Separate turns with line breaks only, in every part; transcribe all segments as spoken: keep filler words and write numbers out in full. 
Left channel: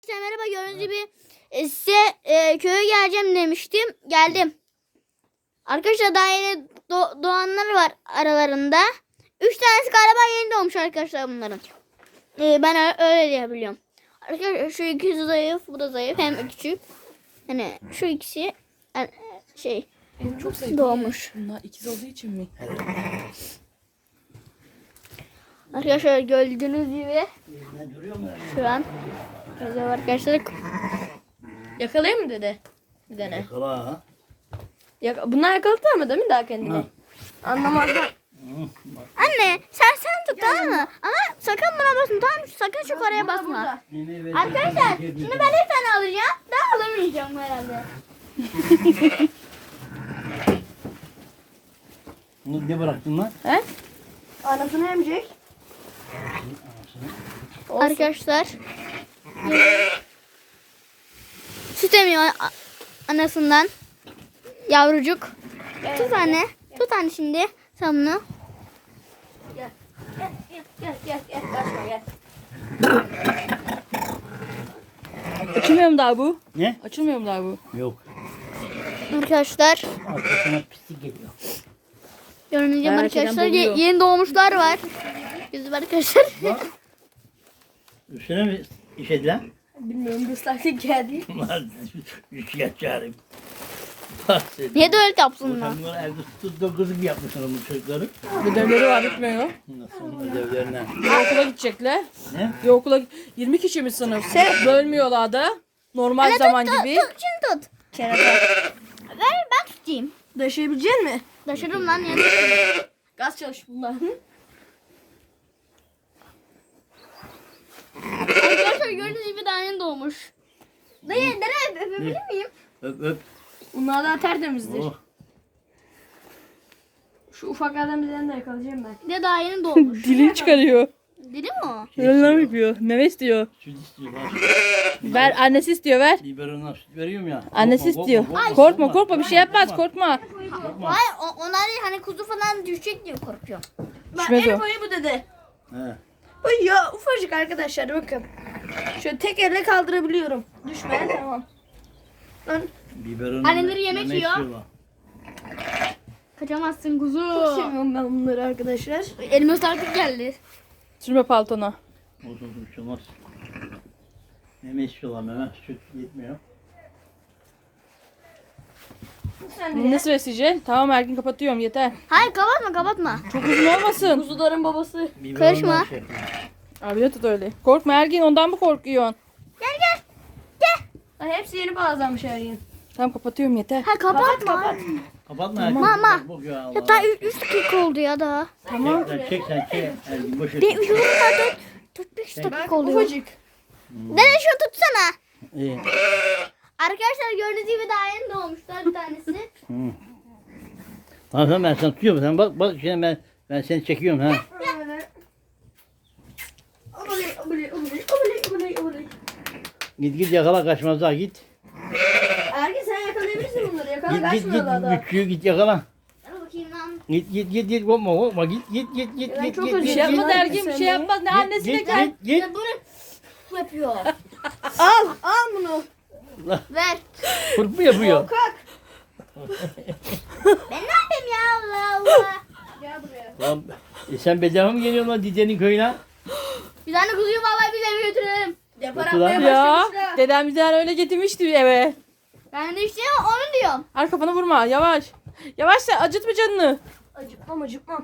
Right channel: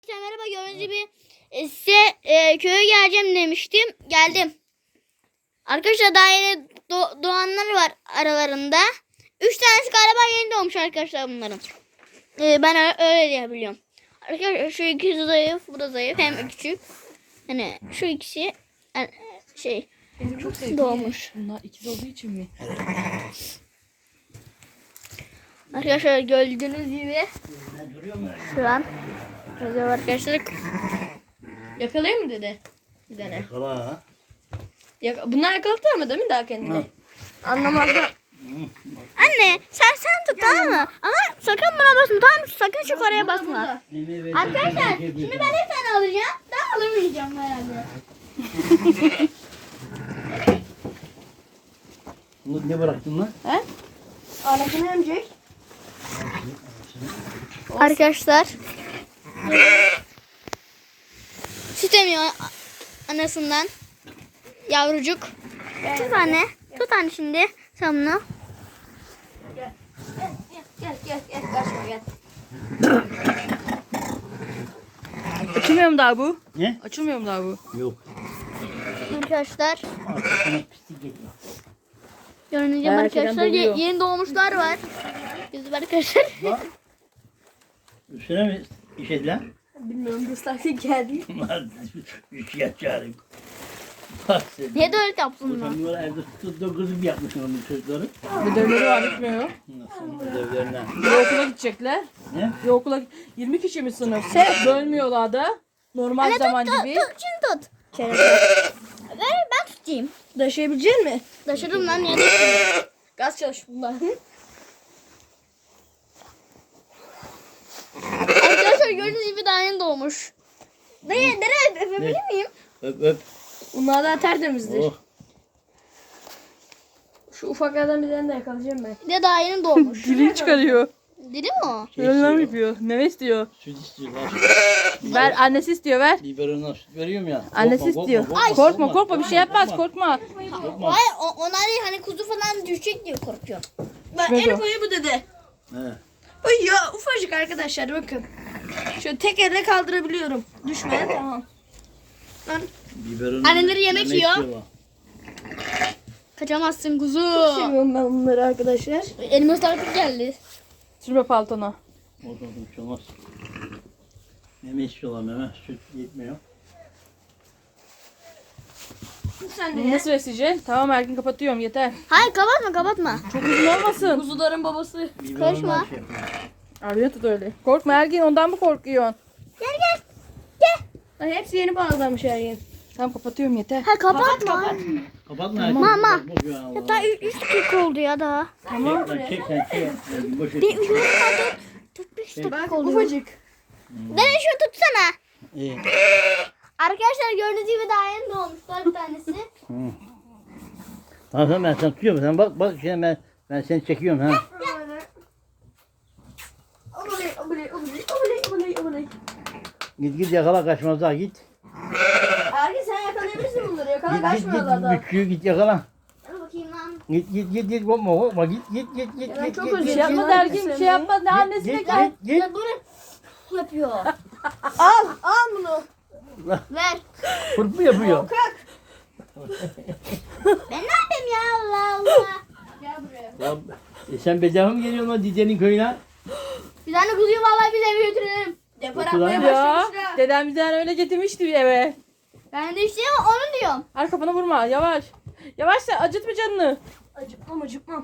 Merhaba, gördüğünüz gibi e, size e, köye geleceğim demiştim. Geldim. Arkadaşlar daha yeni do- doğanlar var aralarında. Üç tanesi galiba yeni doğmuş arkadaşlar bunların. E, ben ö- öyle diyebiliyorum. Arkadaşlar şu ikisi zayıf, bu da zayıf. Hem ikisi. Hani şu ikisi e, şey
Benim çok zayıf.
doğmuş.
Bunlar ikiz olduğu için mi?
Arkadaşlar gördüğünüz gibi şu an şöyle arkadaşlar.
Yakalayayım mı dede? Bir tane.
Yakala ha.
Yaka Bunlar yakaladı ama değil mi daha kendini? Anlamazlar.
Anne sen sen tut, tamam mı? Ama sakın buna basma, tamam mı? Sakın şu karaya basma. Arkadaşlar şimdi ben bir tane alacağım. Ben alamayacağım herhalde.
Bunu bir bıraktın lan.
He? Anasını emecek.
Arkadaşlar süt emiyor a- anasından. Yavrucuk. Tut anne. Tut anne şimdi. Sen bunu.
Gel gel gel gel. Kaçma gel. Açılmıyor mu daha bu?
Ne?
Açılmıyor mu daha bu?
Yok.
Arkadaşlar
Sana pislik geliyor.
gördüğünüz gibi
Her
arkadaşlar
şeyden
ye-
doluyor.
yeni doğmuşlar var. Biz arkadaşlar.
Üstüne mi işediler?
Bilmiyorum bu saatte geldi.
Üç yaş çağırayım.
Niye de öyle yapsınlar?
Sen bunları evde tuttuğum kızı bir yapmışsın onun çocukları.
Ödevleri var bitmiyor.
Nasıl ödevlerine?
Bir okula gidecekler.
Ne?
Bir okula yirmi kişi mi sınıf? Bölmüyorlar da. Normal zaman
Tut,
gibi.
tut, şimdi tut. Ver, ben tutayım.
Taşıyabilecek mi?
Taşıdım lan, niye taşıdım?
Gaz çalış bunlar.
Arkadaşlar gördüğünüz gibi daha yeni doğmuş. Dayı nereye öpebilir miyim?
Öp öp.
Bunlar daha tertemizdir.
Oh.
Şu ufaklardan birilerini de yakalayacağım ben.
Bir de daha yeni doğmuş.
Dilini çıkarıyor.
Dili mi o?
Şey
Neler
istiyor.
yapıyor? Meme istiyor.
Süt istiyorlar.
Ver, annesi istiyor, ver.
Biberondan süt veriyorum ya.
Annesi
Korkma,
istiyor.
korkma, korkma,
Korkma korkma bir şey yapmaz, korkma.
Korkma.
Hayır, o- onlar hani kuzu falan düşecek diye korkuyorum.
Düşmez o.
Ufacık bu dede.
He.
Ay ya ufacık arkadaşlar bakın. Şöyle tek elle kaldırabiliyorum. Düşme tamam.
Biberonun
Anneleri yemek
meme
yiyor.
istiyorlar.
Kaçamazsın kuzu.
Seviyorum ben bunları arkadaşlar.
Elime ıslattık geldi.
Sürme paltona.
Olsun olsun bir şey olmaz. Meme istiyorlar meme. Süt yetmiyor.
Sen de
Bunu nasıl besleyeceksin? Tamam Erkin kapatıyorum yeter.
Hayır, kapatma kapatma.
Çok uzun olmasın.
kuzuların babası.
Biberondan
Karışma.
şey yapıyor.
Abi tut öyle. Korkma Erkin, ondan mı korkuyorsun?
Gel gel.
Ay, hepsi yeni bağlanmış her yer.
Tamam kapatıyorum yeter.
Ha kapatma.
Kapatma.
Mama.
Bu ya Allah.
Ya daha üç dakika oldu ya daha.
Tamam. Sen çek sen çek. Yani boş ver.
Bir üç dakika tut. beş dakika
Bak
oluyor.
ufacık.
Nereye şunu tutsana.
İyi.
Arkadaşlar gördüğünüz gibi daha yeni doğmuşlar bir tanesi.
Hı. Tamam tamam ben sana tutuyorum. Sen bak bak şimdi ben ben seni çekiyorum ha.
Oley oley oley oley oley oley.
Git git yakala kaçmaz daha git.
Erkin sen yakalayabilirsin bunları. Yakala
Git git git
kaçmıyorlar da.
Güçlüyü git yakala.
Hadi bakayım lan.
Git git git git korkma korkma git git git git
Ben
git
çok
git
özür
git
Bir şey yapmaz
git,
Erkin, bir şey yapmaz. Ne annesine
git
gel.
git git.
Ya bunu yapıyor.
Al al bunu.
Ver.
Fırt mı yapıyor?
Kalk.
Ben ne yapayım ya, Allah Allah.
Gel buraya.
Lan e sen bedava mı geliyorsun lan Dide'nin köyüne?
Bir tane kuzuyu vallahi biz eve götürelim.
Depar
Otur lan.
atmaya
Ya
başlamışlar.
dedem bizden öyle getirmişti eve.
Ben de işte onu diyorum.
Ar kafanı vurma, yavaş. Yavaş sen, acıtma canını.
Acıkmam acıkmam.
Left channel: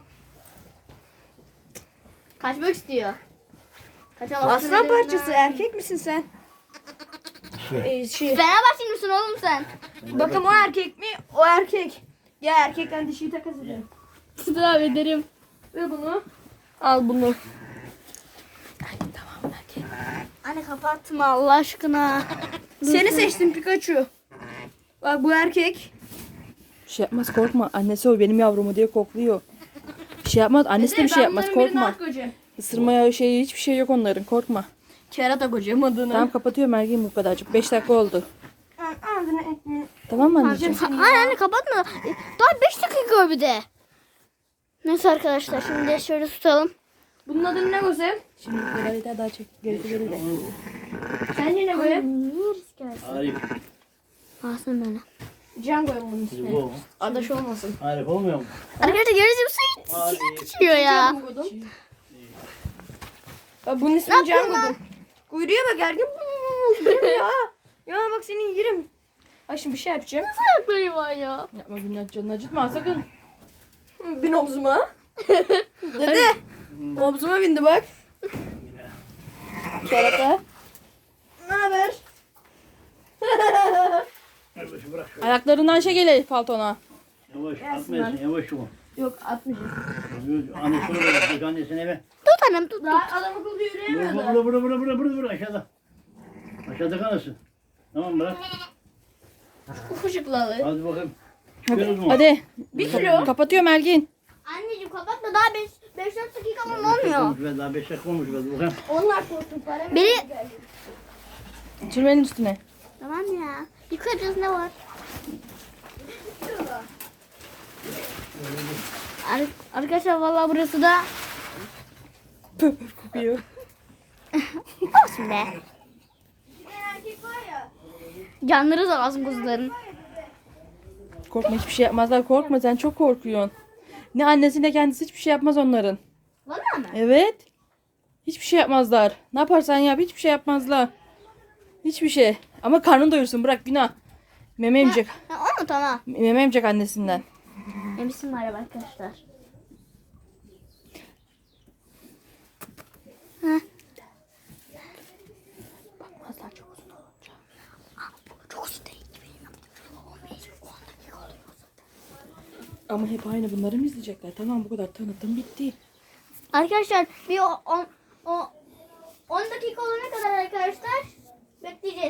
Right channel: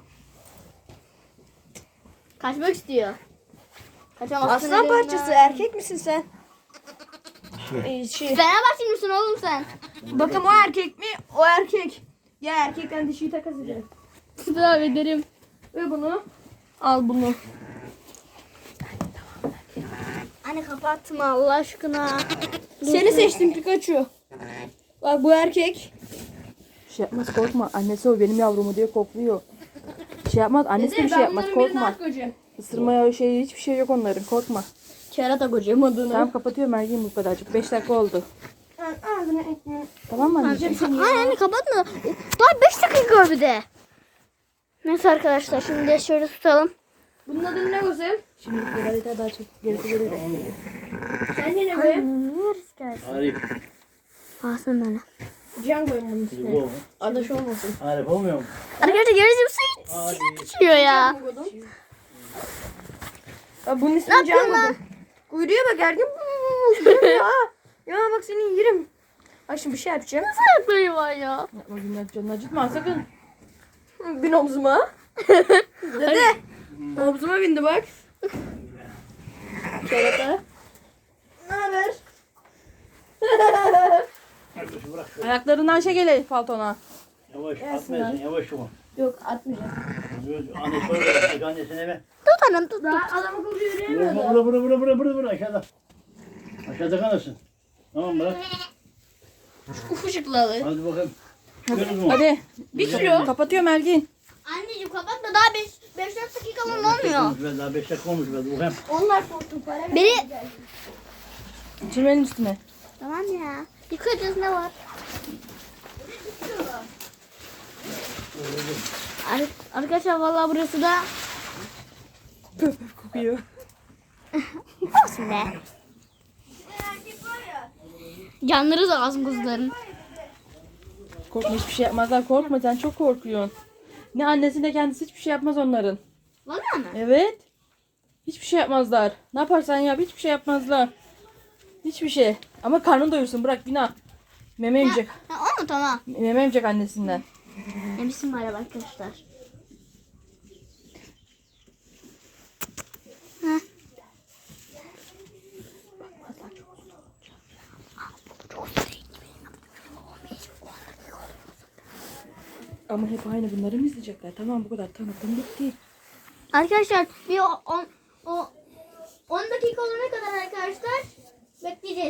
Kaçmak istiyor. Kaçamazsın.
Aslan parçası erkek misin sen?
Ee, şey.
Fenerbahçe misin oğlum sen?
Bakın o erkek mi? O erkek. Ya erkekten dişiyi takas edelim.
Sıra ederim.
Ve bunu.
Al bunu.
Anne kapatma Allah aşkına.
Seni seçtim Pikachu. Bak bu erkek.
Bir şey yapmaz, korkma. Annesi o benim yavrumu diye kokluyor. Bir şey yapmaz, annesi de bir şey yapmaz, korkma. Isırmaya şey hiçbir şey yok onların, korkma.
Kerata kocam adını.
Tamam kapatıyorum Ergin bu kadarcık. beş dakika oldu.
Ağzını ekmeği.
Tamam mı anneciğim?
Hayır anne kapatma. Daha beş dakika bir de. Neyse arkadaşlar şimdi şöyle tutalım.
Bunun adı ne Gosem?
Şimdi kadar yeter daha çek. Gerisi gelir de.
Sen yine be.
Yeriz gelsin.
Arif.
Alsın böyle.
Can koyun bunun
Bu
üstüne.
mu?
Adaş olmasın.
Arif olmuyor mu?
Arkadaşlar görüyorsunuz bu su
Arif.
içiyor ya.
Aa, bunun
Ne
ismini Can
yapıyorsun lan?
koydum. Kuyruğa bak ergen. Yerim ya. Ya bak senin yerim. Ay şimdi bir şey yapacağım.
Yapmayı var ya.
Yapma günler canını acıtma sakın.
Bin omzuma. Dede. Omzuma bindi bak. Kerata. Ne haber?
Kardeşim bırak şöyle.
Ayaklarından şey gele paltona.
Yavaş atmayasın yavaş şu.
Yok atmayacağım.
Annesi orada bak annesine eve.
Tut annem tut.
Daha adam akıllı
Vurma
yürüyemiyor da.
vura vura vura vura vura vura aşağıda. Aşağıda kalırsın. Tamam bırak.
Ufuşuklu alır.
Hadi bakalım. Çıkıyoruz mu?
Hadi.
Bir kilo.
Kapatıyorum Elgin.
Anneciğim kapatma daha beş dört dakika falan olmuyor.
Olmuş be, daha beş dakika olmuş be. Bakayım.
Onlar korktu para mı?
Beni...
Çimenin üstüne.
Tamam ya. Yıkayacağız ne var? Ar- Arkadaşlar vallahi burası da
Pöp pöp kokuyor.
olsun be. Canları sağ olsun kuzuların.
Korkma hiçbir şey yapmazlar. Korkma sen çok korkuyorsun. Ne annesi ne kendisi hiçbir şey yapmaz onların.
Vallahi mi?
Evet. Hiçbir şey yapmazlar. Ne yaparsan yap hiçbir şey yapmazlar. Hiçbir şey. Ama karnını doyursun bırak bina. Meme emecek.
Ha, o mu tamam?
Meme emecek annesinden.
Emişim var arkadaşlar. Ha.
Bakmazlar çok uzun olunca.
Çok uzun.
Ama hep aynı bunları mı izleyecekler? Tamam bu kadar tanıtım bitti.
Arkadaşlar bir on on dakika olana kadar arkadaşlar bekleyeceğiz.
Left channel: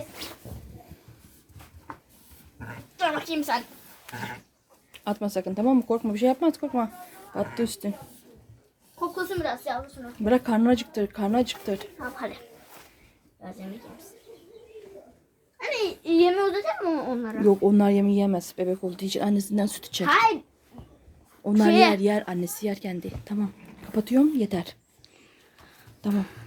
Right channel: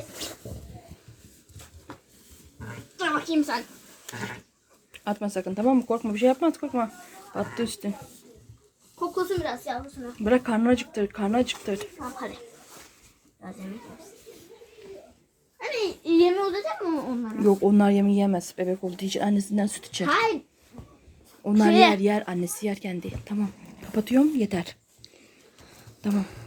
Dur bakayım sen.
Atma sakın tamam mı? Korkma bir şey yapmaz korkma. Attı üstün.
Koklasın biraz yavrusunu.
Bırak karnı acıktır. Karnı acıktır.
Tamam hadi. Biraz yemek yemişsin. Hani yeme uzatacak mı onlara?
Yok onlar yemeği yemez. Bebek olduğu için annesinden süt içer.
Hayır.
Onlar
Şöyle.
yer yer. Annesi yer kendi. Tamam. Kapatıyorum yeter. Tamam.